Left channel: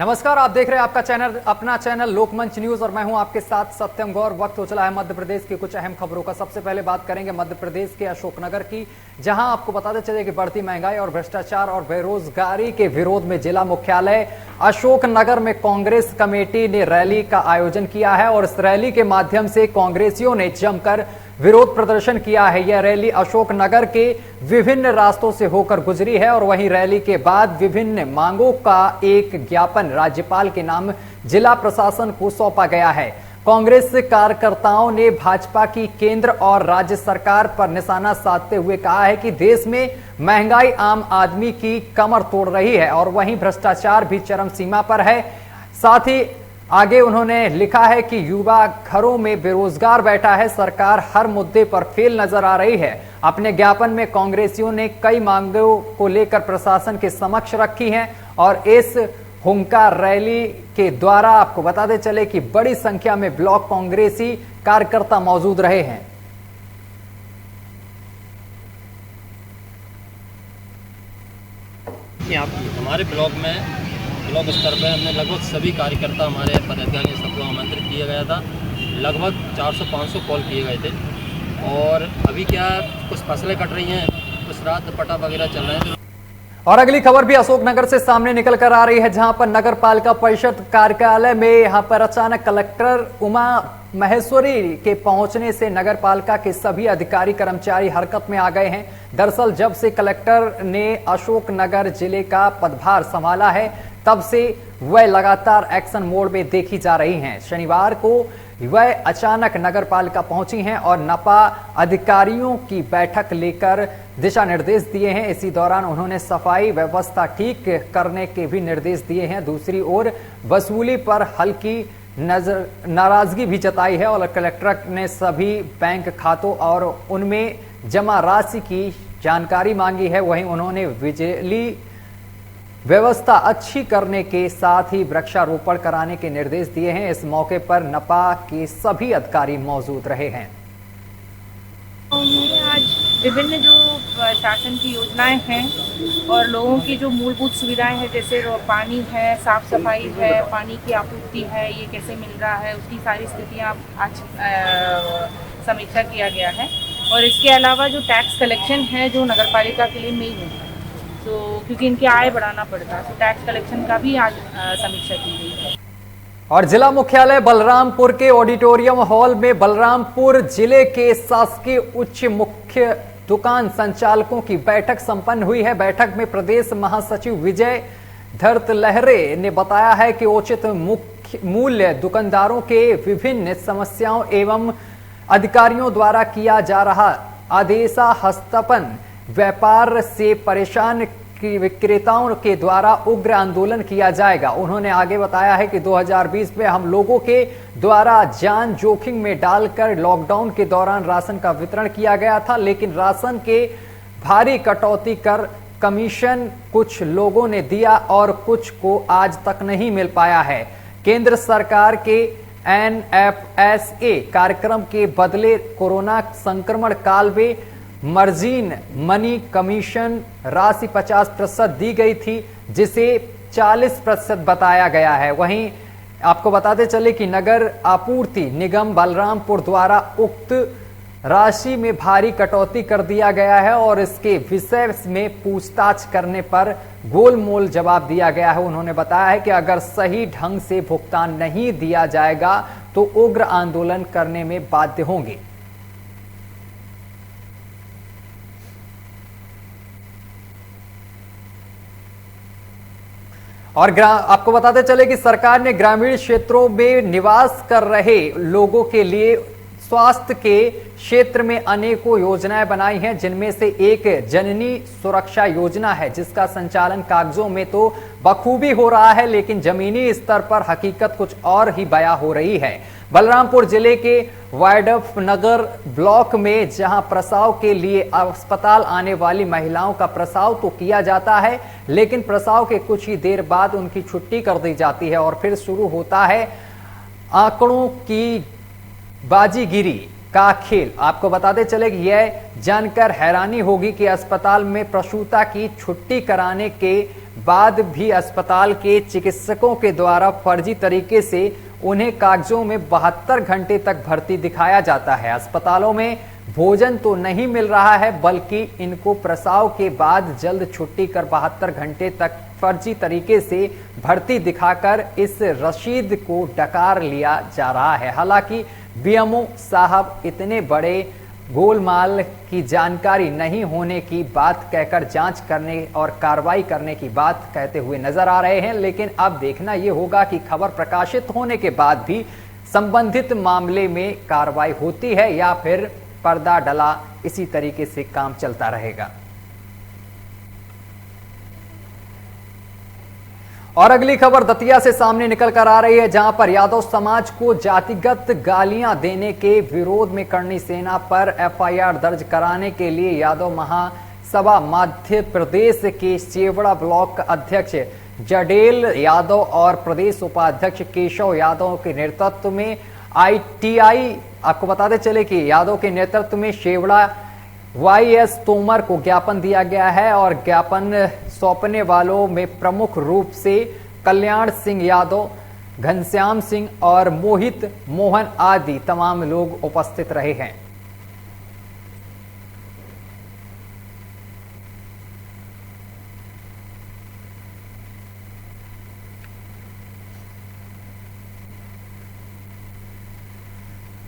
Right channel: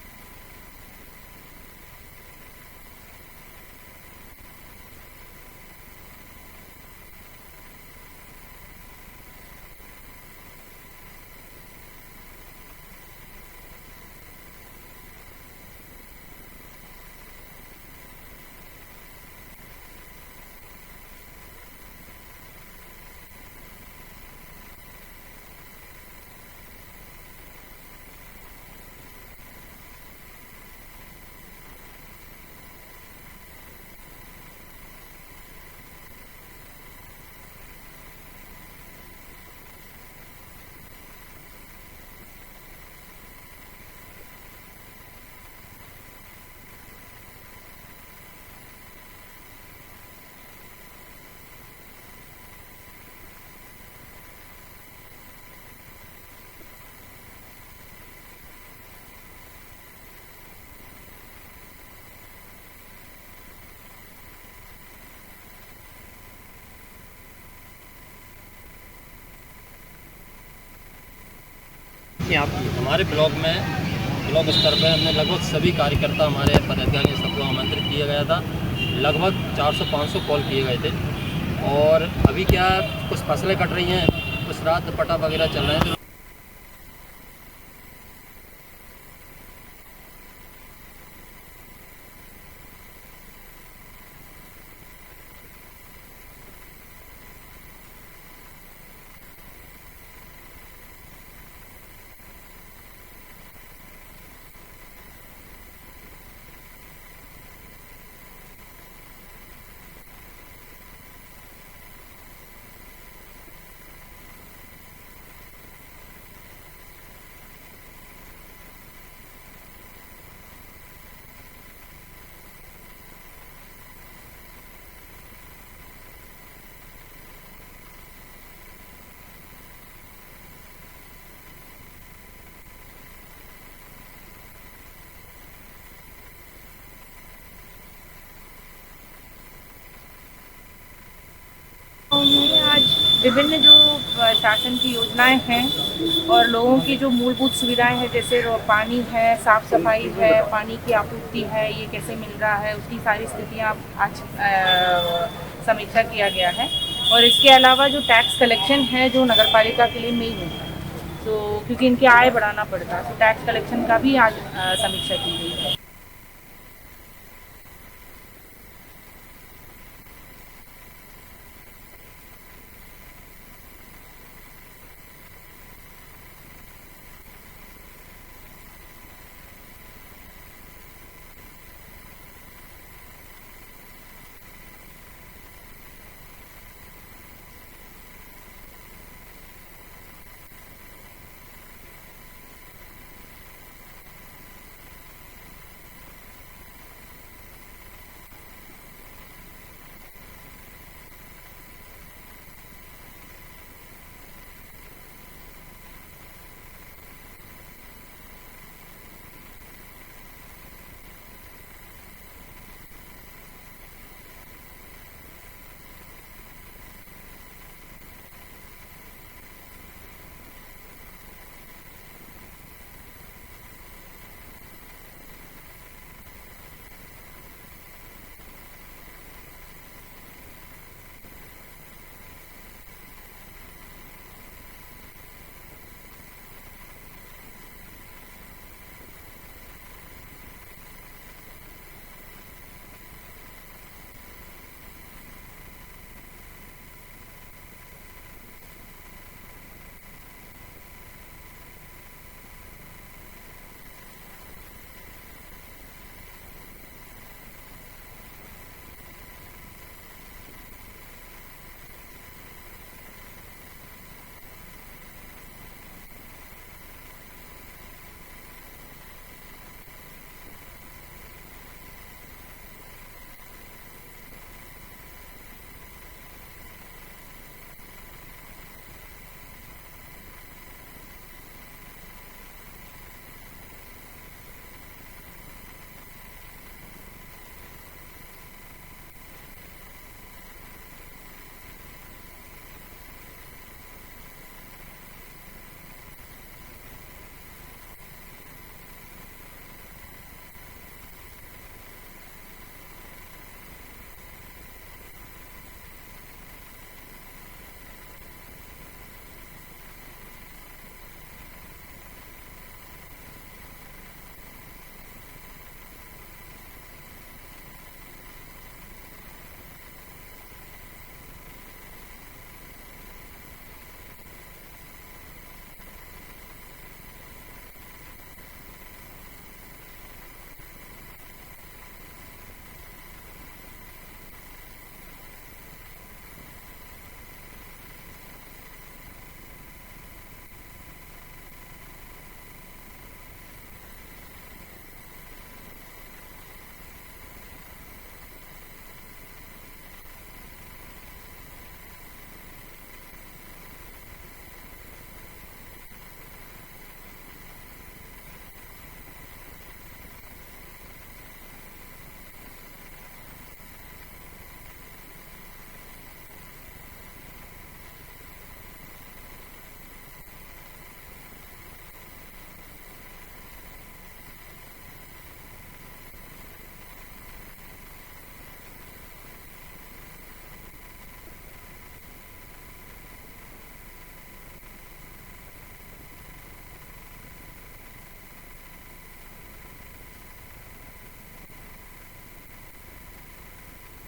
नमस्कार, आप देख रहे हैं आपका चैनल, अपना चैनल लोकमंच न्यूज और मैं हूं आपके साथ सत्यम गौर। वक्त हो चला है मध्य प्रदेश की कुछ अहम खबरों का। सबसे पहले बात करेंगे मध्य प्रदेश के अशोकनगर की, जहां आपको बताते चले कि बढ़ती महंगाई और भ्रष्टाचार और बेरोजगारी के विरोध में जिला मुख्यालय अशोकनगर में कांग्रेस कमेटी ने रैली का आयोजन किया है और इस रैली के माध्यम से कांग्रेसियों ने जमकर विरोध प्रदर्शन किया है। यह रैली अशोकनगर के विभिन्न रास्तों से होकर गुजरी है और वहीं रैली के बाद विभिन्न मांगों का एक ज्ञापन राज्यपाल के नाम जिला प्रशासन को सौंपा गया है। कांग्रेस कार्यकर्ताओं ने भाजपा की केंद्र और राज्य सरकार पर निशाना साधते हुए कहा है कि देश में महंगाई आम आदमी की कमर तोड़ रही है और वहीं भ्रष्टाचार भी चरम सीमा पर है। साथ ही आगे उन्होंने लिखा है कि युवा घरों में बेरोजगार बैठा है, सरकार हर मुद्दे पर फेल नजर आ रही है। अपने ज्ञापन में कांग्रेसियों ने कई मांगों को लेकर प्रशासन के समक्ष रखी हैं और इस हुंकार रैली के द्वारा आपको बताते चले कि बड़ी संख्या में ब्लॉक कांग्रेसी कार्यकर्ता मौजूद रहे हैं। हमारे ब्लॉक स्तर पर हमने लगभग सभी कार्यकर्ता हमारे पदाधिकारी सबको आमंत्रित किया गया था। लगभग 400-500 कॉल किए गए थे और अभी क्या कुछ फसलें कट रही हैं, कुछ रात पटा वगैरह चल रहे हैं। और अगली खबर भी अशोकनगर से सामने निकल कर आ रही है, जहां पर नगर पालिका परिषद कार्यालय में यहां पर अचानक कलेक्टर उमा महेश्वरी के पहुंचने से नगर पालिका के सभी अधिकारी कर्मचारी हरकत में आ गए हैं। दरअसल जब से कलेक्टर ने अशोकनगर जिले का पदभार संभाला है तब से वह लगातार एक्शन मोड में देखी जा रही हैं। शनिवार को वह अचानक नगर पालिका पहुंची हैं और नपा अधिकारियों की बैठक लेकर दिशा निर्देश दिए हैं। इसी दौरान उन्होंने सफाई व्यवस्था ठीक करने के भी निर्देश दिए हैं। दूसरी ओर वसूली पर हल्की नाराजगी भी जताई है और कलेक्टर ने सभी बैंक खातों और उनमें जमा राशि की जानकारी मांगी है। वहीं उन्होंने बिजली व्यवस्था अच्छी करने के साथ ही वृक्षारोपण कराने के निर्देश दिए हैं। इस मौके पर नपा के सभी अधिकारी मौजूद रहे हैं। आज विभिन्न जो शासन की योजनाएं हैं और लोगों की जो मूलभूत सुविधाएं हैं, जैसे पानी है, साफ सफाई है, पानी की आपूर्ति है, ये कैसे मिल रहा है, उसकी सारी स्थितियां आज समीक्षा किया गया है। और इसके अलावा जो टैक्स कलेक्शन है जो नगर पालिका के लिए मेन है, तो क्योंकि इनकी आय बढ़ाना पड़ता है, तो टैक्स कलेक्शन का भी आज समीक्षा की गई है। और जिला मुख्यालय बलरामपुर के ऑडिटोरियम हॉल में बलरामपुर जिले के शासकीय उच्च मुख्य दुकान संचालकों की बैठक संपन्न हुई है। बैठक में प्रदेश महासचिव विजय धर्त लहरे ने बताया है कि उचित मूल्य दुकानदारों के विभिन्न समस्याओं एवं अधिकारियों द्वारा किया जा रहा आदेशा हस्तपन व्यापार से परेशान विक्रेताओं के द्वारा उग्र आंदोलन किया जाएगा। उन्होंने आगे बताया है कि 2020 में हम लोगों के द्वारा जान जोखिम में डालकर लॉकडाउन के दौरान राशन का वितरण किया गया था, लेकिन राशन के भारी कटौती कर कमीशन कुछ लोगों ने दिया और कुछ को आज तक नहीं मिल पाया है। केंद्र सरकार के NFSA कार्यक्रम के बदले कोरोना संक्रमण काल में मार्जिन मनी कमीशन राशि 50% दी गई थी, जिसे 40% बताया गया है। वहीं आपको बताते चले कि नगर आपूर्ति निगम बलरामपुर द्वारा उक्त राशि में भारी कटौती कर दिया गया है और इसके विषय में पूछताछ करने पर गोलमोल जवाब दिया गया है। उन्होंने बताया है कि अगर सही ढंग से भुगतान नहीं दिया जाएगा तो उग्र आंदोलन करने में बाध्य होंगे। और आपको बताते चले कि सरकार ने ग्रामीण क्षेत्रों में निवास कर रहे लोगों के लिए स्वास्थ्य के क्षेत्र में अनेकों योजनाएं बनाई हैं, जिनमें से एक जननी सुरक्षा योजना है, जिसका संचालन कागजों में तो बखूबी हो रहा है, लेकिन जमीनी स्तर पर हकीकत कुछ और ही बयां हो रही है। बलरामपुर जिले के वायडफ नगर ब्लॉक में जहां प्रसव के लिए अस्पताल आने वाली महिलाओं का प्रसव तो किया जाता है, लेकिन प्रसव के कुछ ही देर बाद उनकी छुट्टी कर दी जाती है और फिर शुरू होता है आंकड़ों की बाजीगिरी का खेल। आपको बताते चले कि यह जानकर हैरानी होगी कि अस्पताल में प्रसूता की छुट्टी कराने के बाद भी अस्पताल के चिकित्सकों के द्वारा फर्जी तरीके से उन्हें कागजों में 72 घंटे तक भर्ती दिखाया जाता है। अस्पतालों में भोजन तो नहीं मिल रहा है, बल्कि इनको प्रसव के बाद जल्द छुट्टी कर 72 घंटे तक फर्जी तरीके से भर्ती दिखाकर इस रसीद को डकार लिया जा रहा है। हालांकि बीएमओ साहब इतने बड़े गोलमाल की जानकारी नहीं होने की बात कहकर जांच करने और कार्रवाई करने की बात कहते हुए नजर आ रहे हैं, लेकिन अब देखना यह होगा कि खबर प्रकाशित होने के बाद भी संबंधित मामले में कार्रवाई होती है या फिर पर्दा डला इसी तरीके से काम चलता रहेगा। और अगली खबर दतिया से सामने निकल कर आ रही है, जहां पर यादव समाज को जातिगत गालियां देने के विरोध में करणी सेना पर एफआईआर दर्ज कराने के लिए यादव महासभा मध्य प्रदेश के सेवड़ा ब्लॉक अध्यक्ष जडेल यादव और प्रदेश उपाध्यक्ष केशव यादव के नेतृत्व में आईटीआई, आपको बताते चले कि यादव के नेतृत्व में शेवड़ा वाईएस तोमर को ज्ञापन दिया गया है और ज्ञापन सौंपने वालों में प्रमुख रूप से कल्याण सिंह यादव, घनश्याम सिंह और मोहित मोहन आदि तमाम लोग उपस्थित रहे हैं।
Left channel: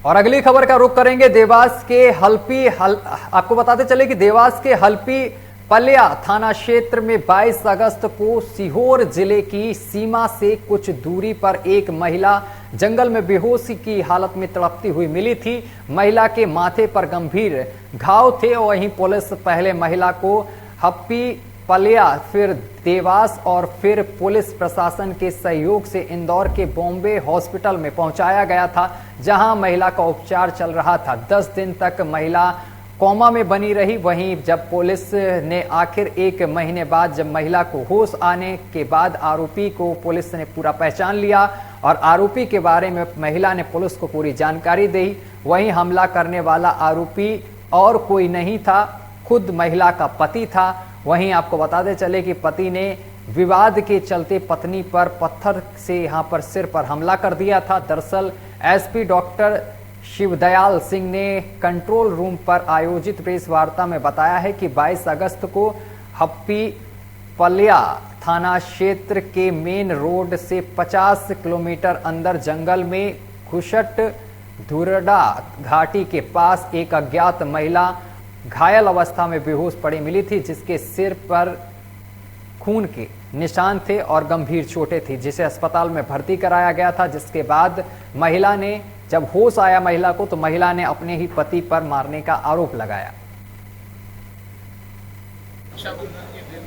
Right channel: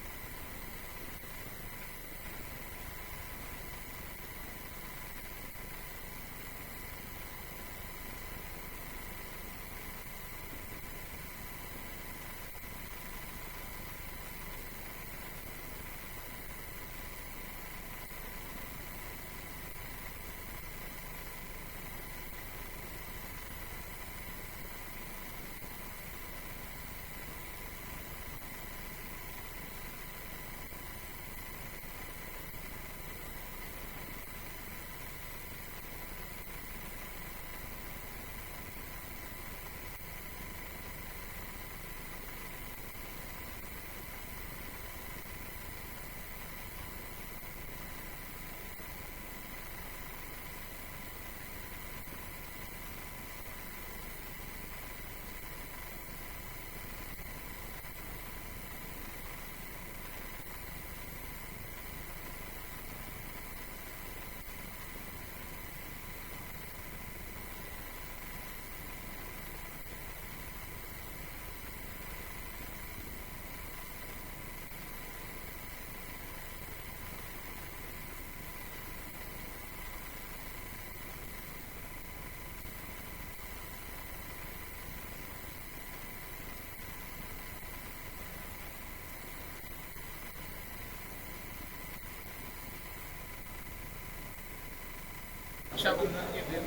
और अगली खबर का रुख करेंगे देवास के आपको बताते चले कि देवास के हल्पी पलिया थाना क्षेत्र में 22 अगस्त को सीहोर जिले की सीमा से कुछ दूरी पर एक महिला जंगल में बेहोशी की हालत में तड़पती हुई मिली थी। महिला के माथे पर गंभीर घाव थे और वहीं पुलिस पहले महिला को हप्पी पलिया, फिर देवास और फिर पुलिस प्रशासन के सहयोग से इंदौर के बॉम्बे हॉस्पिटल में पहुंचाया गया था, जहां महिला का उपचार चल रहा था। 10 दिन तक महिला कोमा में बनी रही। वहीं जब पुलिस ने आखिर 1 महीने बाद जब महिला को होश आने के बाद आरोपी को पुलिस ने पूरा पहचान लिया और आरोपी के बारे में महिला ने पुलिस को पूरी जानकारी दी। वहीं हमला करने वाला आरोपी और कोई नहीं था, खुद महिला का पति था। वहीं आपको बताते चले कि पति ने विवाद के चलते पत्नी पर पत्थर से यहां पर सिर पर हमला कर दिया था। दरअसल एसपी डॉक्टर शिवदयाल सिंह ने कंट्रोल रूम पर आयोजित प्रेस वार्ता में बताया है कि 22 अगस्त को हप्पी पलिया थाना क्षेत्र के मेन रोड से 50 किलोमीटर अंदर जंगल में घुसट धुरडा घाटी के पास एक अज्ञात महिला घायल अवस्था में बेहोश पड़ी मिली थी, जिसके सिर पर खून के निशान थे और गंभीर चोटें थी, जिसे अस्पताल में भर्ती कराया गया था। जिसके बाद महिला ने जब होश आया महिला को, तो महिला ने अपने ही पति पर मारने का आरोप लगाया। रक्षाबंधन के दिन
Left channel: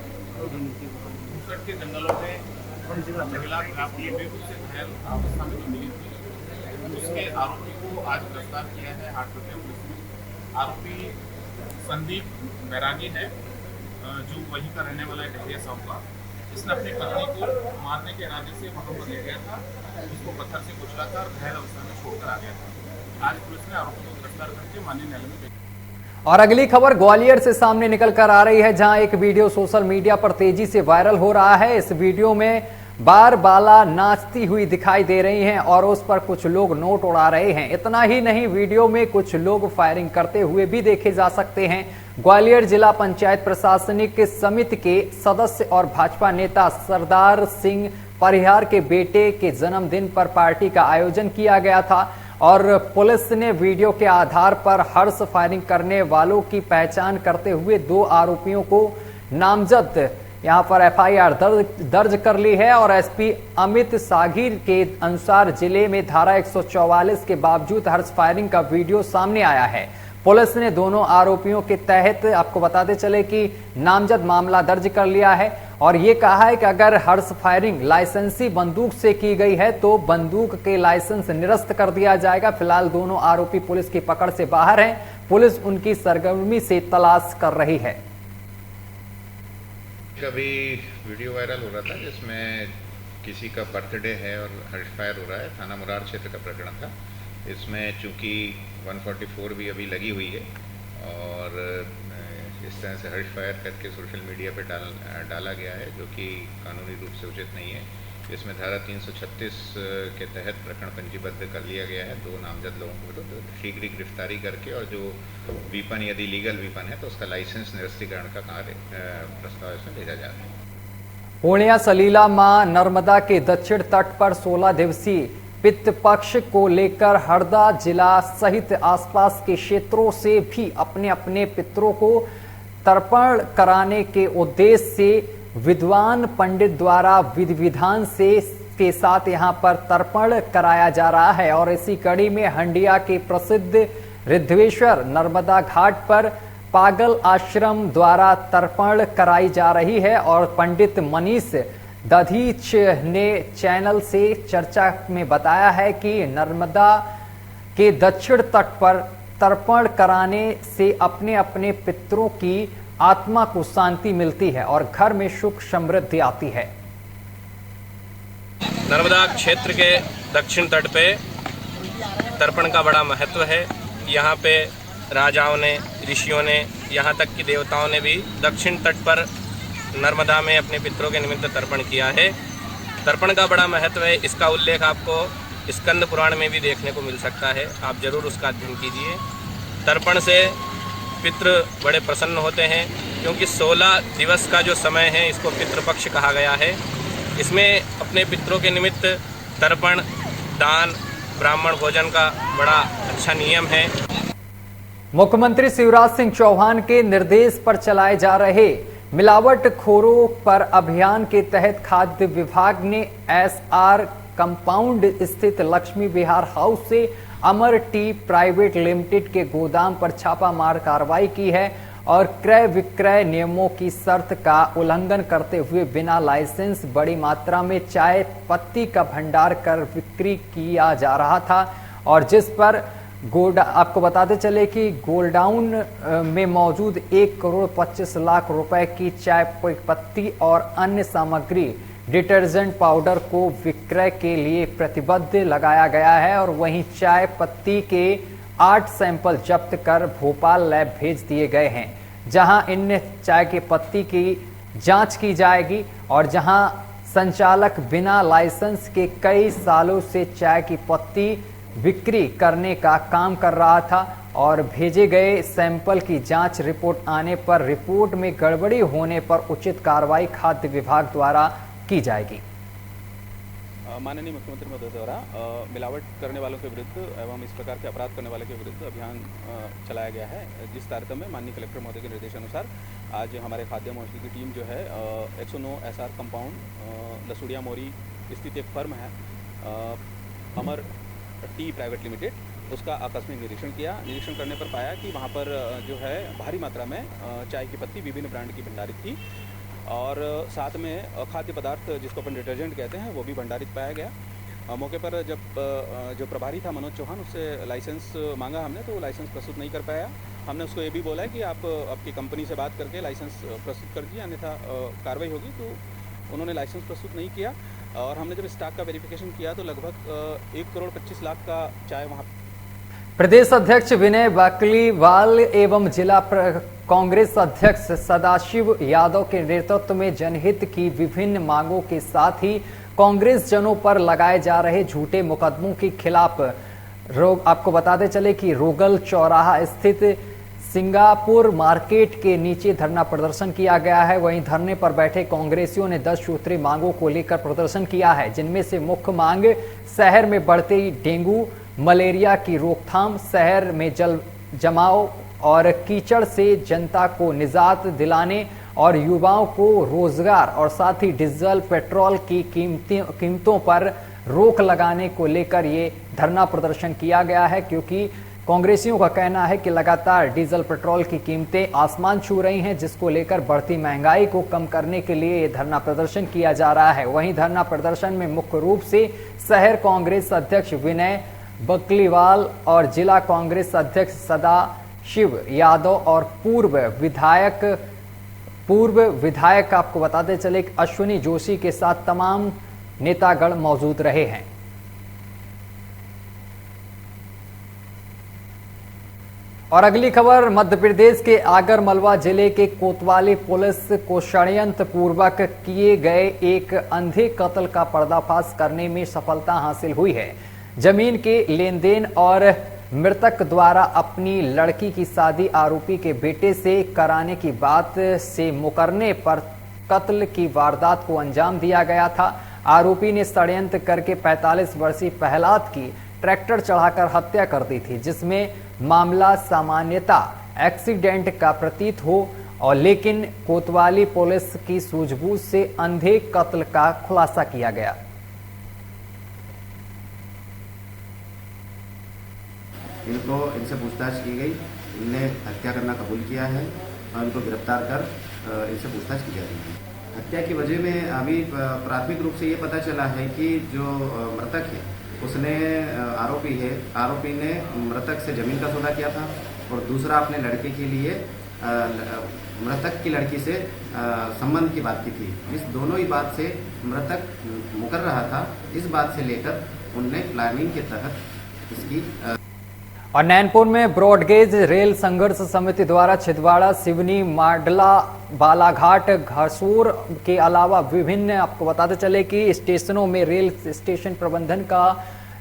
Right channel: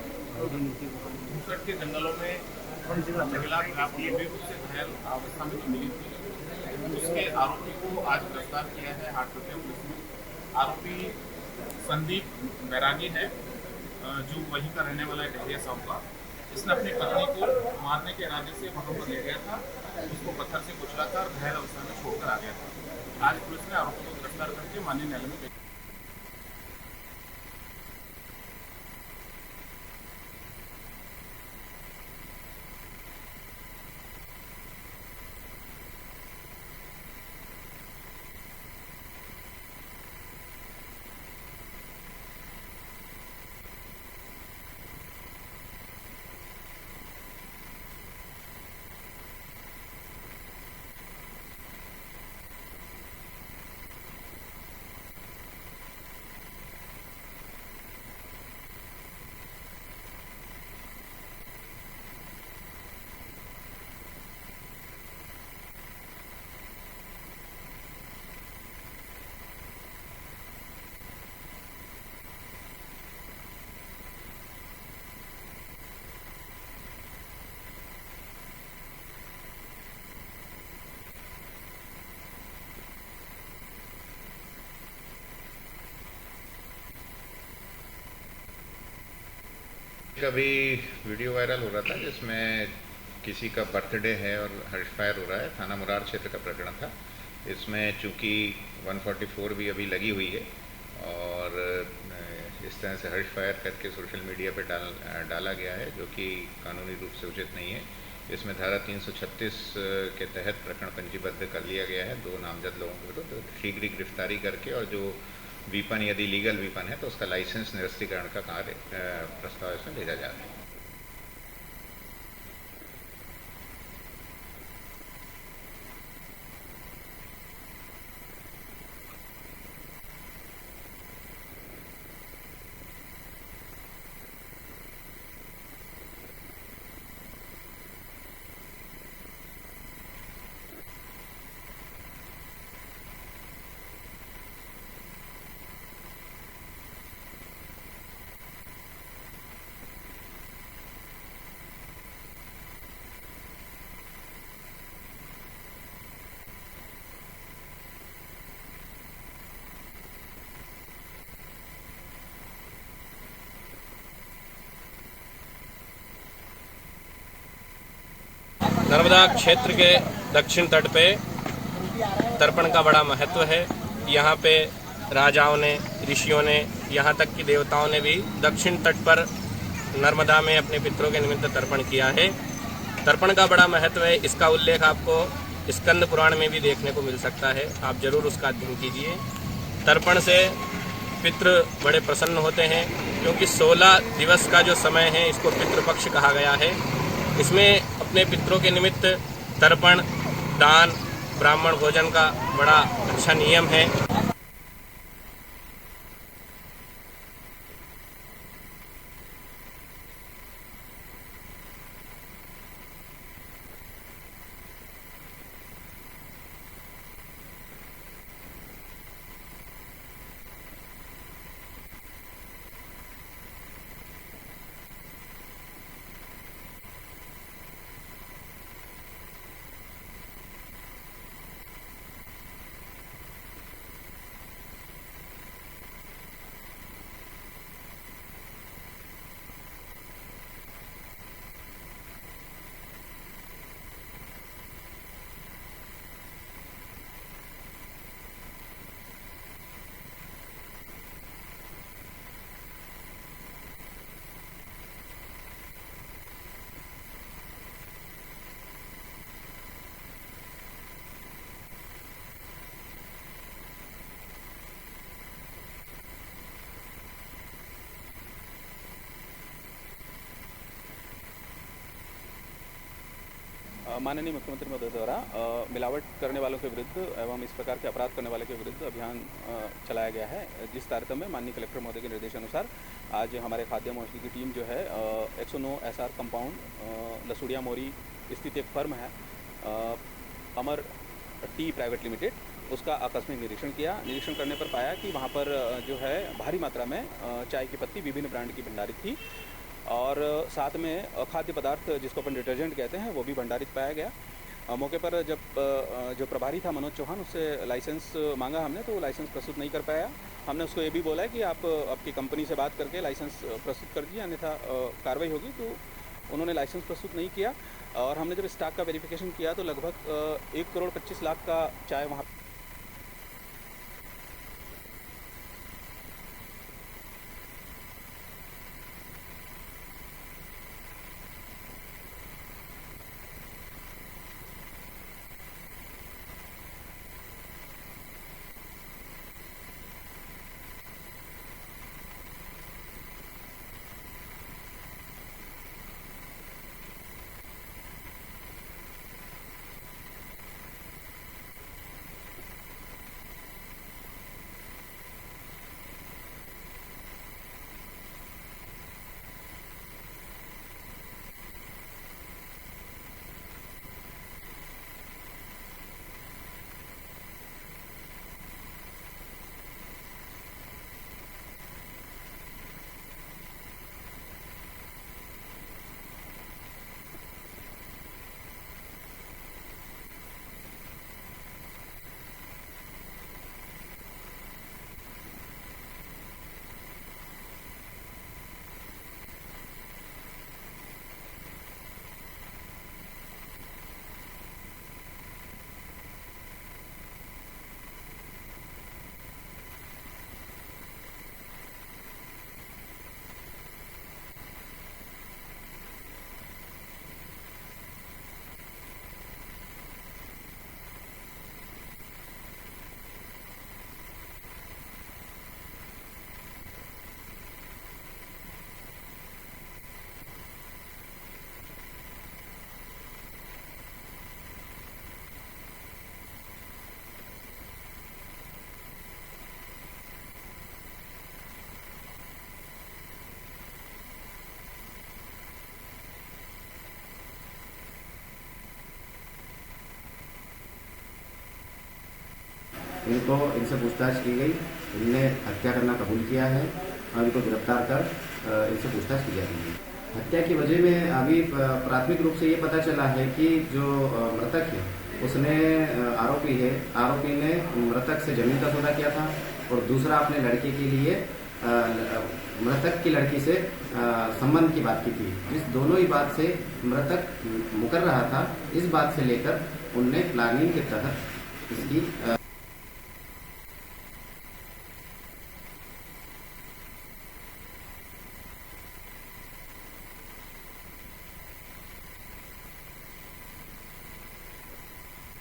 घुसट के जंगलों में महिला काफी बेहोश से घायल अवस्था में मिली थी। उसके आरोपी को आज गिरफ्तार किया है हाटकोटिया पुलिस ने। आरोपी संदीप बैरागी है, जो वहीं का रहने वाला है डहरिया साहब का। इसने अपनी पत्नी को मारने के इरादे से वहां पर ले गया था, उसको पत्थर से कुचला था और घायल अवस्था में छोड़कर आ गया था। आज पुलिस ने आरोपी को गिरफ्तार करके माननीय न्यायालय में भेजा। और अगली खबर ग्वालियर से सामने निकल कर आ रही है, जहां एक वीडियो सोशल मीडिया पर तेजी से वायरल हो रहा है। इस वीडियो में बार बाला नाचती हुई दिखाई दे रही हैं और उस पर कुछ लोग नोट उड़ा रहे हैं। इतना ही नहीं, वीडियो में कुछ लोग फायरिंग करते हुए भी देखे जा सकते हैं। ग्वालियर जिला पंचायत प्रशासनिक समिति के सदस्य और भाजपा नेता सरदार सिंह परिहार के बेटे के जन्मदिन पर पार्टी का आयोजन किया गया था और पुलिस ने वीडियो के आधार पर हर्ष फायरिंग करने वालों की पहचान करते हुए 2 आरोपियों को नामजद यहां पर एफआईआर दर्ज कर ली है। और एसपी अमित सागिर के अनुसार जिले में धारा 144 के बावजूद हर्ष फायरिंग का वीडियो सामने आया है। पुलिस ने दोनों आरोपियों के तहत आपको बताते चले कि नामजद मामला दर्ज कर लिया है और ये कहा है कि अगर हर्ष फायरिंग लाइसेंसी बंदूक से की गई है तो बंदूक के लाइसेंस निरस्त कर दिया जाएगा। फिलहाल दोनों आरोपी पुलिस की पकड़ से बाहर हैं। पुलिस उनकी सरगर्मी से तलाश कर रही है। कभी वीडियो वायरल हो रहा था जिसमें किसी का बर्थडे है और हर्ष फायर हो रहा है। थाना मुरार क्षेत्र का प्रकरण था। इसमें चूंकि 144 भी अभी लगी हुई है और इस तरह से हर्ष फायर करके सोशल मीडिया पे डाला गया है, जो कि कानूनी रूप से उचित नहीं है। इसमें धारा 336 के तहत प्रकरण पंजीबद्ध कर लिया गया है 2 नामजद लोगों के विरुद्ध शीघ्र ही गिरफ्तारी करके, और जो वीपन यदि लीगल वीपन है तो उसका लाइसेंस निरस्तीकरण का कार्य प्रस्ताव इसमें भेजा जा रहा है। पूर्णिया सलीला मां नर्मदा के दक्षिण तट पर 16 दिवसीय पितृ पक्ष को लेकर हरदा जिला सहित आसपास के क्षेत्रों से भी अपने अपने पितरों को तर्पण कराने के उद्देश्य से विद्वान पंडित द्वारा विधि विधान से के साथ यहां पर तर्पण कराया जा रहा है। और इसी कड़ी में हंडिया के प्रसिद्ध रिद्धवेश्वर नर्मदा घाट पर पागल आश्रम द्वारा तर्पण कराई जा रही है। और पंडित मनीष दधीच ने चैनल से चर्चा में बताया है कि नर्मदा के दक्षिण तट पर तर्पण कराने से अपने अपने पितरों की आत्मा को शांति मिलती है और घर में सुख समृद्धि आती है। नर्मदा क्षेत्र के दक्षिण तट पे तर्पण का बड़ा महत्व है। यहाँ पे राजाओं ने, ऋषियों ने, यहाँ तक कि देवताओं ने भी दक्षिण तट पर नर्मदा में अपने पितरों के निमित्त तर्पण किया है। तर्पण का बड़ा महत्व है, इसका उल्लेख आपको स्कंद पुराण में भी देखने को मिल सकता है, आप जरूर उसका अध्ययन कीजिए। तर्पण से पितृ बड़े प्रसन्न होते हैं, क्योंकि 16 दिवस का जो समय है इसको पितृपक्ष कहा गया है। इसमें अपने पितरों के निमित्त तर्पण, दान, ब्राह्मण भोजन का बड़ा अच्छा नियम है। मुख्यमंत्री शिवराज सिंह चौहान के निर्देश पर चलाए जा रहे मिलावटखोरों पर अभियान के तहत खाद्य विभाग ने एसआर कंपाउंड स्थित लक्ष्मी विहार हाउस से अमर टी प्राइवेट लिमिटेड के गोदाम पर छापामार कार्रवाई की है और क्रय विक्रय नियमों की शर्त का उल्लंघन करते हुए बिना लाइसेंस बड़ी मात्रा में चाय पत्ती का भंडार कर बिक्री किया जा रहा था। और जिस पर आपको बताते चले कि गोडाउन में मौजूद 1,25,00,000 रुपए की चाय पत्ती और अन्य सामग्री डिटर्जेंट पाउडर को विक्रय के लिए प्रतिबद्ध लगाया गया है। और वहीं चाय पत्ती के 8 सैंपल जब्त कर भोपाल लैब भेज दिए गए हैं, जहां इन चाय की पत्ती की जांच की जाएगी और जहां संचालक बिना लाइसेंस के कई सालों से चाय की पत्ती बिक्री करने का काम कर रहा था और भेजे गए सैंपल की जांच रिपोर्ट आने पर रिपोर्ट में गड़बड़ी होने पर उचित कार्रवाई खाद्य विभाग द्वारा की जाएगी। माननीय मुख्यमंत्री महोदय द्वारा मिलावट करने वालों के विरुद्ध एवं इस प्रकार के अपराध करने वाले के विरुद्ध अभियान चलाया गया है, जिस तारतम्य में माननीय कलेक्टर महोदय के निर्देशानुसार आज हमारे खाद्य महोदय की टीम जो है 109 एसआर कंपाउंड लसुड़िया मोरी स्थित एक फर्म है अमर टी प्राइवेट लिमिटेड, उसका आकस्मिक निरीक्षण किया। निरीक्षण करने पर पाया कि वहाँ पर जो है भारी मात्रा में चाय की पत्ती विभिन्न ब्रांड की भंडारित थी और साथ में खाद्य पदार्थ जिसको अपन डिटर्जेंट कहते हैं वो भी भंडारित पाया गया। मौके पर जब जो प्रभारी था मनोज चौहान, उससे लाइसेंस मांगा हमने, तो वो लाइसेंस प्रस्तुत नहीं कर पाया। हमने उसको ये भी बोला है कि आप आपकी कंपनी से बात करके लाइसेंस प्रस्तुत कर दीजिए, अन्यथा कार्रवाई होगी। तो उन्होंने लाइसेंस प्रस्तुत नहीं किया और हमने जब स्टॉक का वेरिफिकेशन किया तो लगभग 1,25,00,000 का चाय वहाँ। प्रदेश अध्यक्ष विनय बकलीवाल एवं जिला कांग्रेस अध्यक्ष सदाशिव यादव के नेतृत्व में जनहित की विभिन्न मांगों के साथ ही कांग्रेस जनों पर लगाए जा रहे झूठे मुकदमों के खिलाफ आपको बताते चले कि रोगल चौराहा स्थित सिंगापुर मार्केट के नीचे धरना प्रदर्शन किया गया है। वहीं धरने पर बैठे कांग्रेसियों ने 10 सूत्री मांगों को लेकर प्रदर्शन किया है, जिनमें से मुख्य मांग शहर में बढ़ते डेंगू मलेरिया की रोकथाम, शहर में जल जमाव और कीचड़ से जनता को निजात दिलाने और युवाओं को रोजगार और साथ ही डीजल पेट्रोल की कीमतों पर रोक लगाने को लेकर ये धरना प्रदर्शन किया गया है, क्योंकि कांग्रेसियों का कहना है कि लगातार डीजल पेट्रोल की कीमतें आसमान छू रही हैं, जिसको लेकर बढ़ती महंगाई को कम करने के लिए ये धरना प्रदर्शन किया जा रहा है। वहीं धरना प्रदर्शन में मुख्य रूप से शहर कांग्रेस अध्यक्ष विनय बकलीवाल और जिला कांग्रेस अध्यक्ष सदाशिव यादव और पूर्व विधायक आपको बताते चले अश्विनी जोशी के साथ तमाम नेतागण मौजूद रहे हैं। और अगली खबर मध्य प्रदेश के आगर मालवा जिले के कोतवाली पुलिस को षड्यंत्र पूर्वक किए गए एक अंधे कत्ल का पर्दाफाश करने में सफलता हासिल हुई है। जमीन के लेन देन और मृतक द्वारा अपनी लड़की की शादी आरोपी के बेटे से कराने की बात से मुकरने पर कत्ल की वारदात को अंजाम दिया गया था। आरोपी ने षड्यंत्र करके 45 वर्षीय प्रहलाद की ट्रैक्टर चढ़ाकर हत्या कर दी थी, जिसमें मामला सामान्यतः एक्सीडेंट का प्रतीत हो और लेकिन कोतवाली पुलिस की सूझबूझ से अंधे कत्ल का खुलासा किया गया। इनसे पूछताछ की गई, इनने हत्या करना कबूल किया है और इनको गिरफ्तार कर इनसे पूछताछ की जा रही है। हत्या की वजह में अभी प्राथमिक रूप से ये पता चला है कि जो मृतक है उसने आरोपी ने मृतक से जमीन का सौदा किया था और दूसरा अपने लड़के के लिए मृतक की लड़की से संबंध की बात की थी। इस दोनों ही बात से मृतक मुकर रहा था। इस बात से लेकर उनने प्लानिंग के तहत इसकी और नैनपुर में ब्रॉडगेज रेल संघर्ष समिति द्वारा छिंदवाड़ा, सिवनी, माडला, बालाघाट, घासूर के अलावा विभिन्न आपको बताते चले कि स्टेशनों में रेल स्टेशन प्रबंधन का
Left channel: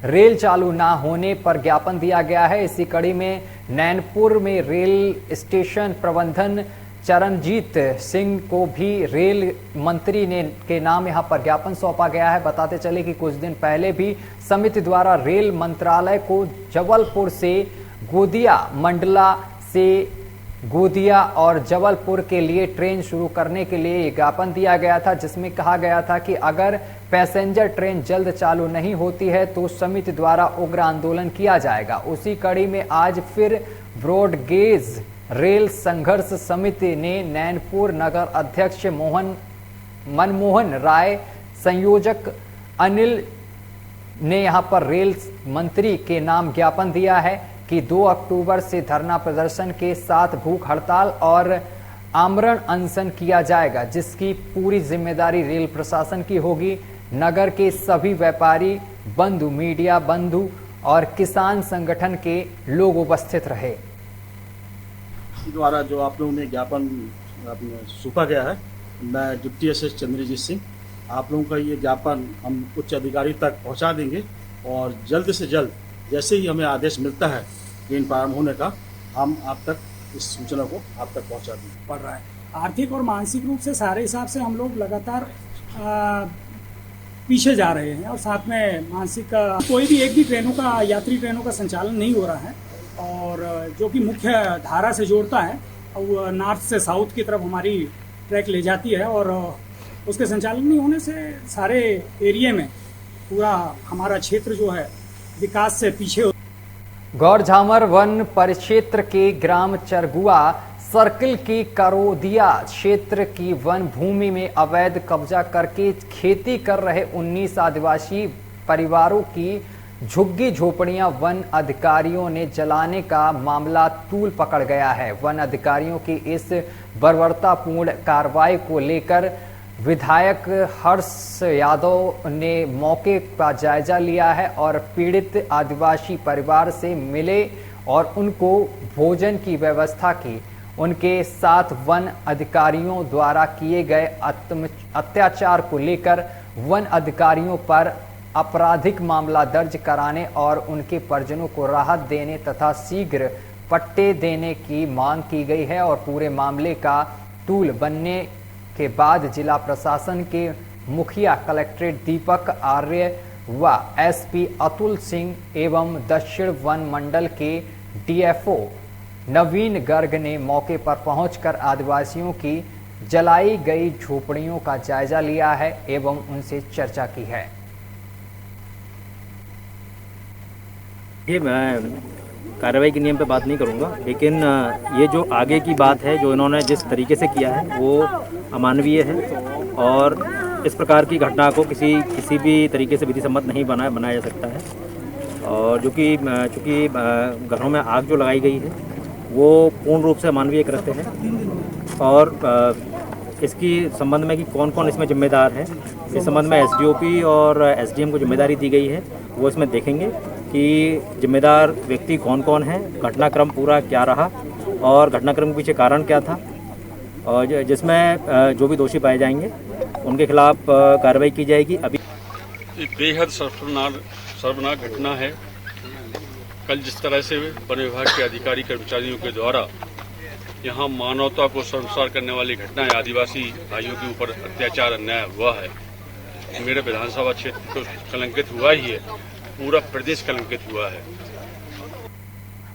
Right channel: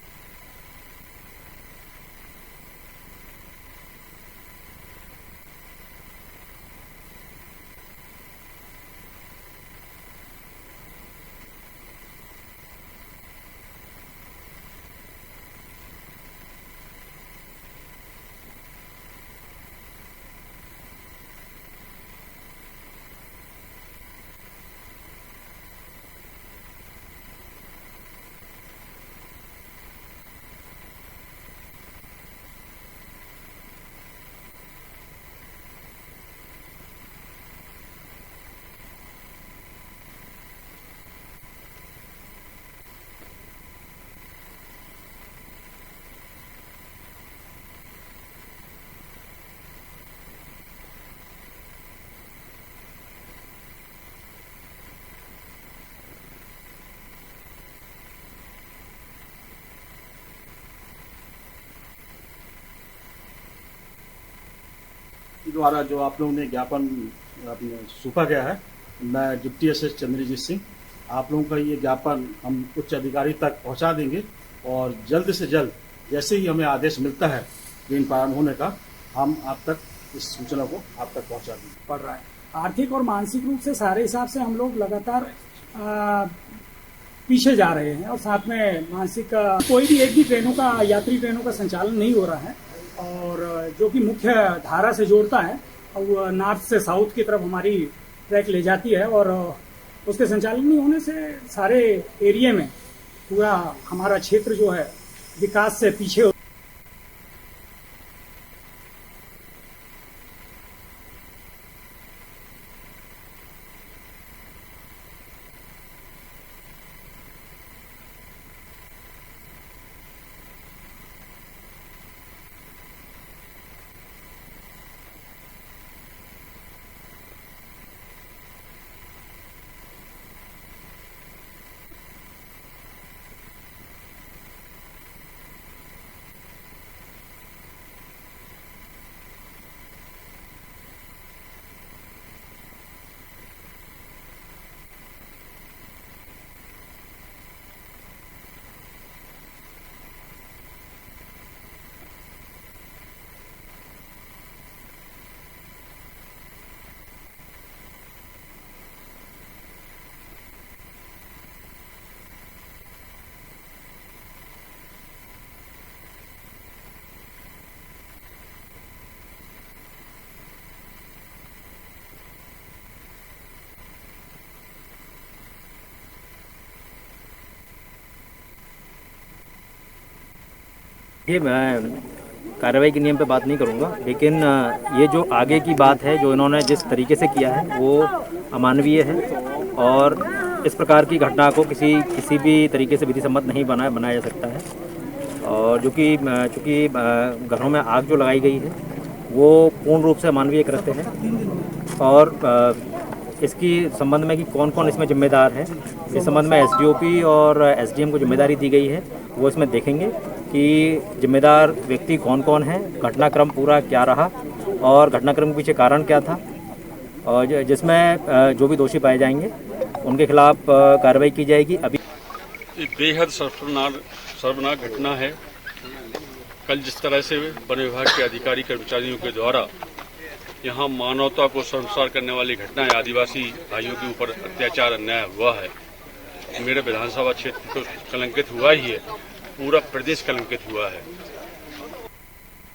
रेल चालू ना होने पर ज्ञापन दिया गया है। इसी कड़ी में नैनपुर में रेल स्टेशन प्रबंधन चरणजीत सिंह को भी रेल मंत्री के नाम यहां पर ज्ञापन सौंपा गया है। बताते चले कि कुछ दिन पहले भी समिति द्वारा रेल मंत्रालय को जबलपुर से गोदिया, मंडला से गोदिया और जबलपुर के लिए ट्रेन शुरू करने के लिए ज्ञापन दिया गया था, जिसमें कहा गया था कि अगर पैसेंजर ट्रेन जल्द चालू नहीं होती है तो समिति द्वारा उग्र आंदोलन किया जाएगा। उसी कड़ी में आज फिर ब्रॉडगेज रेल संघर्ष समिति ने नैनपुर नगर अध्यक्ष मनमोहन राय, संयोजक अनिल ने यहां पर रेल मंत्री के नाम ज्ञापन दिया है कि 2 अक्टूबर से धरना प्रदर्शन के साथ भूख हड़ताल और आमरण अनशन किया जाएगा, जिसकी पूरी जिम्मेदारी रेल प्रशासन की होगी। नगर के सभी व्यापारी बंधु, मीडिया बंधु और किसान संगठन के लोग उपस्थित रहे। द्वारा जो आप लोगों ने ज्ञापन सौंपा गया है, मैं डिप्टी एसएस चंद्रजीत सिंह, आप लोगों का ये ज्ञापन हम उच्च अधिकारी तक पहुंचा देंगे और जल्द से जल्द जैसे ही हमें आदेश मिलता है ट्रेन प्रारंभ होने का, हम आप तक इस सूचना को आप तक पहुंचा देंगे। पड़ रहा है आर्थिक और मानसिक रूप से सारे हिसाब से हम लोग लगातार पीछे जा रहे हैं और साथ में मानसिक कोई भी एक भी यात्री ट्रेनों का संचालन नहीं हो रहा है और जो कि मुख्य धारा से जोड़ता है वो नॉर्थ से साउथ की तरफ हमारी ट्रैक ले जाती है और उसके संचालन नहीं होने से सारे एरिया में पूरा हमारा क्षेत्र जो है विकास से पीछे। गौरझामर वन परिक्षेत्र के ग्राम चरगुआ सर्किल की करोदिया क्षेत्र की वन भूमि में अवैध कब्जा करके खेती कर रहे 19 आदिवासी परिवारों की झुग्गी झोपड़ियां वन अधिकारियों ने जलाने का मामला तूल पकड़ गया है। वन अधिकारियों की इस बर्बरतापूर्ण कार्रवाई को लेकर विधायक हर्ष यादव ने मौके का जायजा लिया है और पीड़ित आदिवासी परिवार से मिले और उनको भोजन की व्यवस्था की। उनके साथ वन अधिकारियों द्वारा किए गए अत्याचार को लेकर वन अधिकारियों पर आपराधिक मामला दर्ज कराने और उनके परिजनों को राहत देने तथा शीघ्र पट्टे देने की मांग की गई है। और पूरे मामले का तूल बनने के बाद जिला प्रशासन के मुखिया कलेक्ट्रेट दीपक आर्य व एसपी अतुल सिंह एवं दक्षिण वन मंडल के डीएफओ नवीन गर्ग ने मौके पर पहुंचकर आदिवासियों की जलाई गई झोपड़ियों का जायजा लिया है एवं उनसे चर्चा की है। ये मैं कार्रवाई के नियम पे बात नहीं करूँगा, लेकिन ये जो आगे की बात है जो इन्होंने जिस तरीके से किया है वो अमानवीय है और इस प्रकार की घटना को किसी भी तरीके से विधि सम्मत नहीं बनाया जा सकता है। और चूँकि घरों में आग जो लगाई गई है वो पूर्ण रूप से अमानवीय कृत्य है और इसकी संबंध में कि कौन कौन इसमें जिम्मेदार है, इस संबंध में एसडीओपी और एसडीएम को जिम्मेदारी दी गई है। वो इसमें देखेंगे कि जिम्मेदार व्यक्ति कौन कौन है, घटनाक्रम पूरा क्या रहा और घटनाक्रम के पीछे कारण क्या था, और जिसमें जो भी दोषी पाए जाएंगे उनके खिलाफ कार्रवाई की जाएगी। अभी एक बेहद शर्मनाक घटना है। कल जिस तरह से वन विभाग के अधिकारी कर्मचारियों के द्वारा यहाँ मानवता को शर्मसार करने वाली घटनाएं, आदिवासी भाइयों के ऊपर अत्याचार अन्याय हुआ है, मेरे विधानसभा क्षेत्र तो कलंकित हुआ ही है, पूरा प्रदेश कलंकित हुआ है।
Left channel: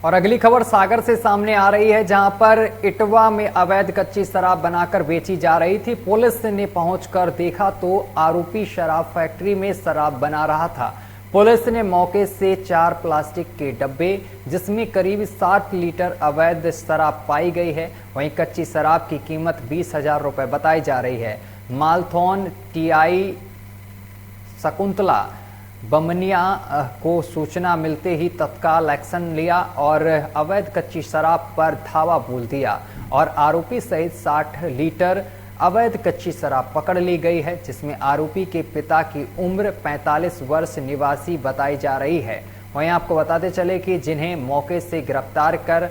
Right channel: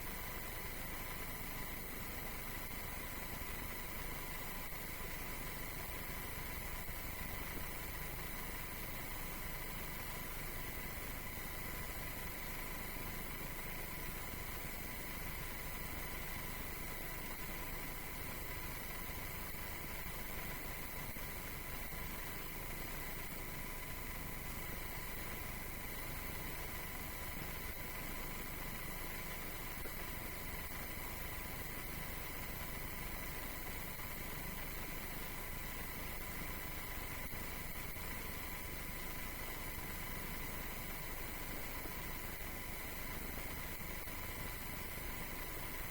और अगली खबर सागर से सामने आ रही है, जहां पर इटवा में अवैध कच्ची शराब बनाकर बेची जा रही थी। पुलिस ने पहुंचकर देखा तो आरोपी शराब फैक्ट्री में शराब बना रहा था। पुलिस ने मौके से 4 प्लास्टिक के डब्बे जिसमें करीब 60 लीटर अवैध शराब पाई गई है। वहीं कच्ची शराब की कीमत 20,000 रुपए बताई जा रही है। मालथौन टीआई शकुंतला बमनिया को सूचना मिलते ही तत्काल एक्शन लिया और अवैध कच्ची शराब पर धावा बोल दिया और आरोपी सहित 60 लीटर अवैध कच्ची शराब पकड़ ली गई है, जिसमें आरोपी के पिता की उम्र 45 वर्ष निवासी बताई जा रही है। वहीं आपको बताते चले कि जिन्हें मौके से गिरफ्तार कर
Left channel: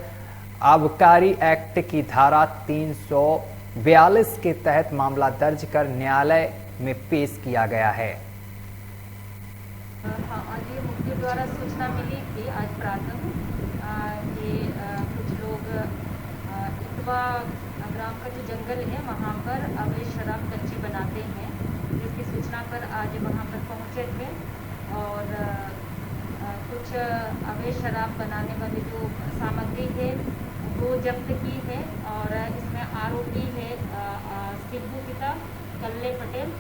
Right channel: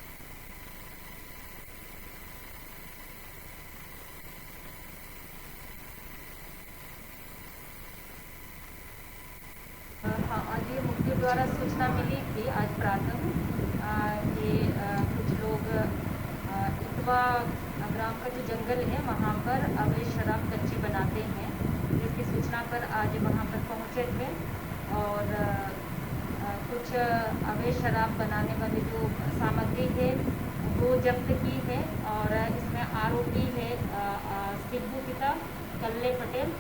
आबकारी एक्ट की धारा 342 के तहत मामला दर्ज कर न्यायालय में पेश किया गया है। हाँ, आज ये मुख्य द्वारा सूचना मिली थी आज प्रातः कि कुछ लोग इटवा ग्राम का जो जंगल है वहाँ पर अवैध शराब कच्ची बनाते हैं, जिसकी सूचना पर आज वहाँ पर पहुँचे थे और कुछ अवैध शराब बनाने वाली जो सामग्री है वो जब्त की है और इसमें आरोपी है सिद्धू पिता कल्ले पटेल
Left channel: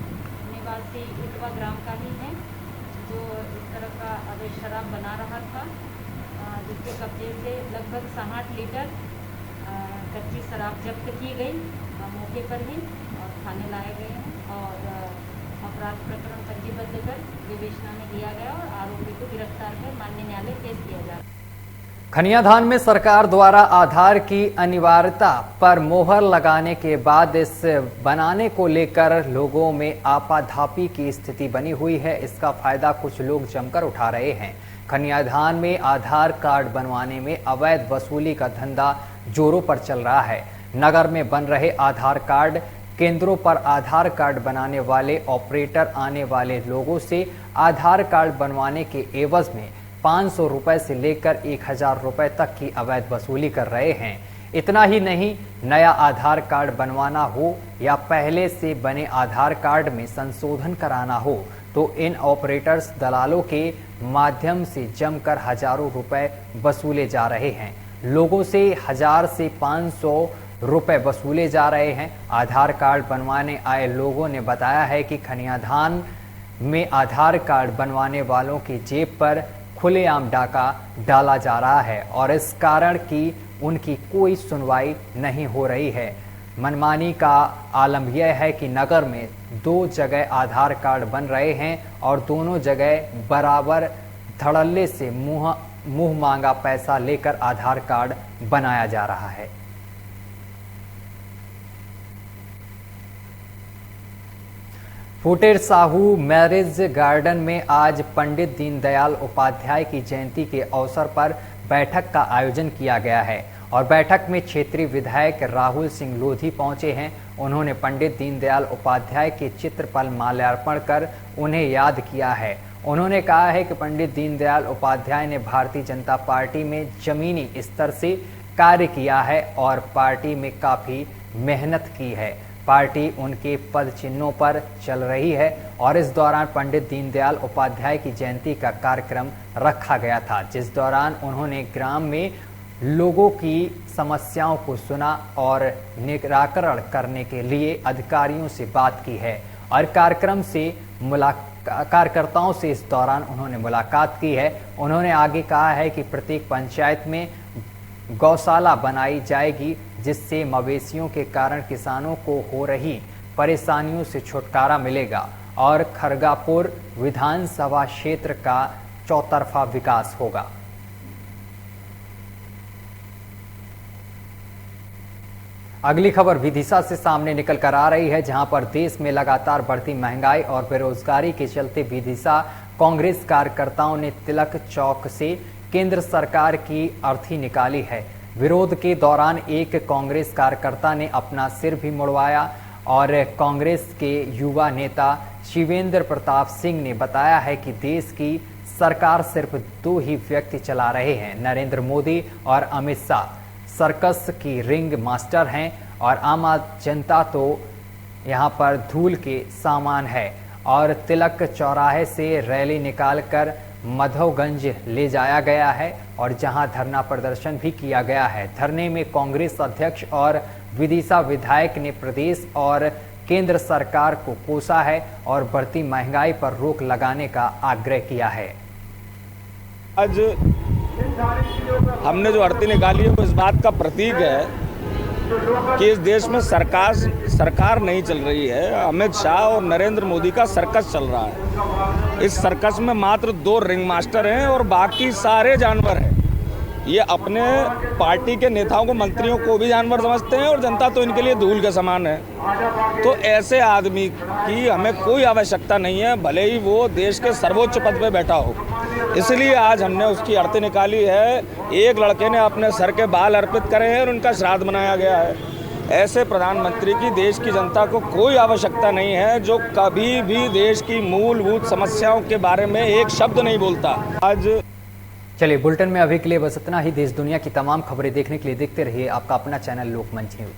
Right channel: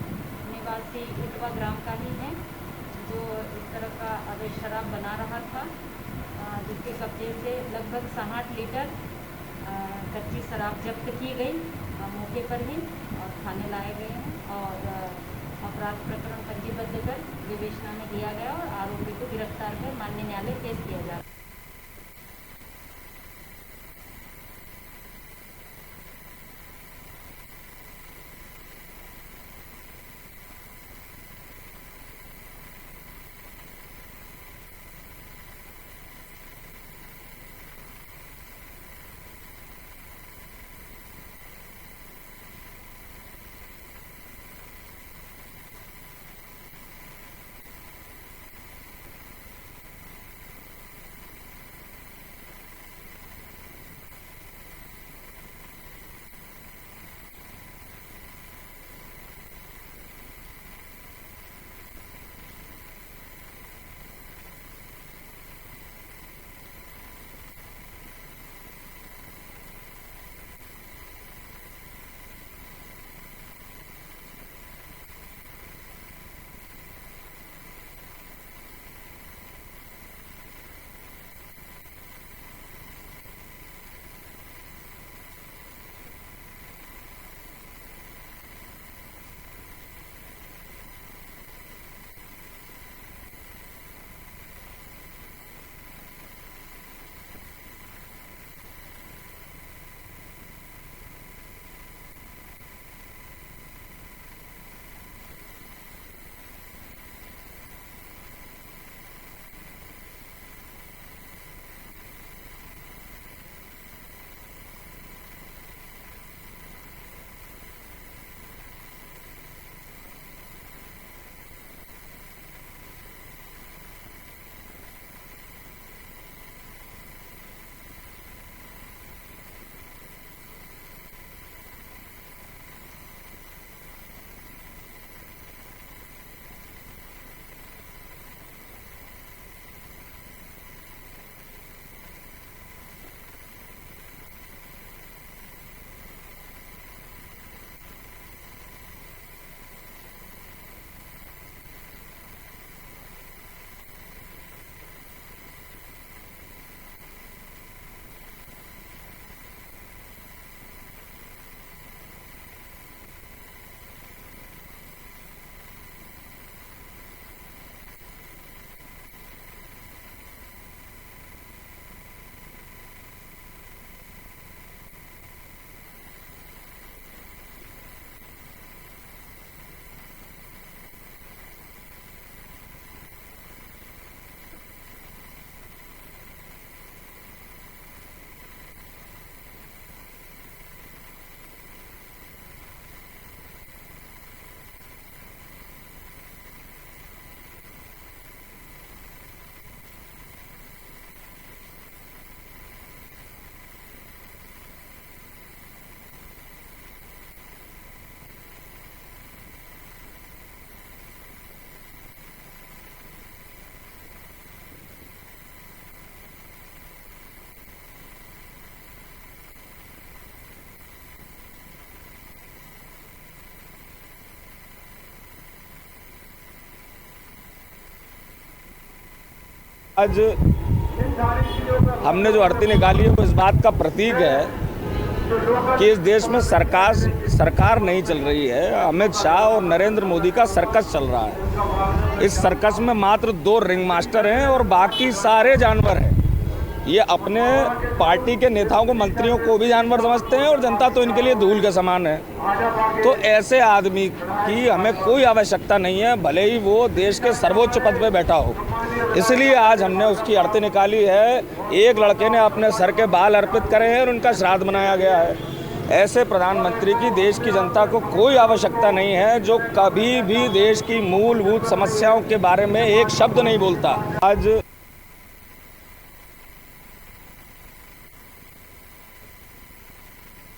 निवासी इटवा ग्राम का ही है, जो इस तरह का अवैध शराब बना रहा था, जिसके कब्जे से लगभग 60 लीटर कच्ची शराब जब्त की गई मौके पर ही और थाने लाए गए हैं और अपराध प्रकरण पंजीबद्ध कर विवेचना में लिया गया और आरोपी को गिरफ्तार कर माननीय न्यायालय पेश किया जा रहा है। खनियाधान में सरकार द्वारा आधार की अनिवार्यता पर मोहर लगाने के बाद इस बनाने को लेकर लोगों में आपाधापी की स्थिति बनी हुई है। इसका फायदा कुछ लोग जमकर उठा रहे हैं। खनियाधान में आधार कार्ड बनवाने में अवैध वसूली का धंधा जोरों पर चल रहा है। नगर में बन रहे आधार कार्ड केंद्रों पर आधार कार्ड बनाने वाले ऑपरेटर आने वाले लोगों से आधार कार्ड बनवाने के एवज में 500 रुपए से लेकर 1000 रुपए तक की अवैध वसूली कर रहे हैं। इतना ही नहीं, नया आधार कार्ड बनवाना हो या पहले से बने आधार कार्ड में संशोधन कराना हो तो इन ऑपरेटर्स दलालों के माध्यम से जमकर हजारों रुपए वसूले जा रहे हैं। लोगों से 1000 से 500 रुपए वसूले जा रहे हैं। आधार कार्ड बनवाने आए लोगों ने बताया है कि खनियाधान में आधार कार्ड बनवाने वालों की जेब पर खुलेआम डाका डाला जा रहा है और इस कारण कि उनकी कोई सुनवाई नहीं हो रही है। मनमानी का आलम यह है कि नगर में 2 जगह आधार कार्ड बन रहे हैं और दोनों जगह बराबर धड़ल्ले से मुंह मांगा पैसा लेकर आधार कार्ड बनाया जा रहा है। फुटेर साहू मैरिज गार्डन में आज पंडित दीनदयाल उपाध्याय की जयंती के अवसर पर बैठक का आयोजन किया गया है और बैठक में क्षेत्रीय विधायक राहुल सिंह लोधी पहुंचे हैं। उन्होंने पंडित दीनदयाल उपाध्याय के चित्र पर माल्यार्पण कर उन्हें याद किया है। उन्होंने कहा है कि पंडित दीनदयाल उपाध्याय ने भारतीय जनता पार्टी में जमीनी स्तर से कार्य किया है और पार्टी में काफ़ी मेहनत की है। पार्टी उनके पद चिन्हों पर चल रही है और इस दौरान पंडित दीनदयाल उपाध्याय की जयंती का कार्यक्रम रखा गया था, जिस दौरान उन्होंने ग्राम में लोगों की समस्याओं को सुना और निराकरण करने के लिए अधिकारियों से बात की है और कार्यकर्ताओं से इस दौरान उन्होंने मुलाकात की है। उन्होंने आगे कहा है कि प्रत्येक पंचायत में गौशाला बनाई जाएगी, जिससे मवेशियों के कारण किसानों को हो रही परेशानियों से छुटकारा मिलेगा और खरगापुर विधानसभा क्षेत्र का चौतरफा विकास होगा। अगली खबर विदिशा से सामने निकल कर आ रही है, जहां पर देश में लगातार बढ़ती महंगाई और बेरोजगारी के चलते विदिशा कांग्रेस कार्यकर्ताओं ने तिलक चौक से केंद्र सरकार की अर्थी निकाली है। विरोध के दौरान एक कांग्रेस कार्यकर्ता ने अपना सिर भी मुड़वाया और कांग्रेस के युवा नेता शिवेंद्र प्रताप सिंह ने बताया है कि देश की सरकार सिर्फ 2 ही व्यक्ति चला रहे हैं, नरेंद्र मोदी और अमित शाह। सर्कस की रिंग मास्टर हैं और आम जनता तो यहाँ पर धूल के सामान है। और तिलक चौराहे से रैली निकालकर माधवगंज ले जाया गया है और जहां धरना प्रदर्शन भी किया गया है। धरने में कांग्रेस अध्यक्ष और विदिशा विधायक ने प्रदेश और केंद्र सरकार को कोसा है और बढ़ती महंगाई पर रोक लगाने का आग्रह किया है। आज हमने जो अर्थी निकाली है वो इस बात का प्रतीक है कि इस देश में सरकार नहीं चल रही है, अमित शाह और नरेंद्र मोदी का सर्कस चल रहा है। इस सर्कस में मात्र 2 रिंग मास्टर हैं और बाकी सारे जानवर हैं। ये अपने पार्टी के नेताओं को, मंत्रियों को भी जानवर समझते हैं और जनता तो इनके लिए धूल के समान है। तो ऐसे आदमी की हमें कोई आवश्यकता नहीं है, भले ही वो देश के सर्वोच्च पद पे बैठा हो। इसलिए आज हमने उसकी अर्थी निकाली है। एक लड़के ने अपने सर के बाल अर्पित करे हैं और उनका श्राद्ध मनाया गया है। ऐसे प्रधानमंत्री की देश की जनता को कोई आवश्यकता नहीं है जो कभी भी देश की मूलभूत समस्याओं के बारे में एक शब्द नहीं बोलता। आज चलिए, बुलेटिन में अभी के लिए बस इतना ही। देश दुनिया की तमाम खबरें देखने के लिए देखते रहिए आपका अपना चैनल लोकमंच न्यूज।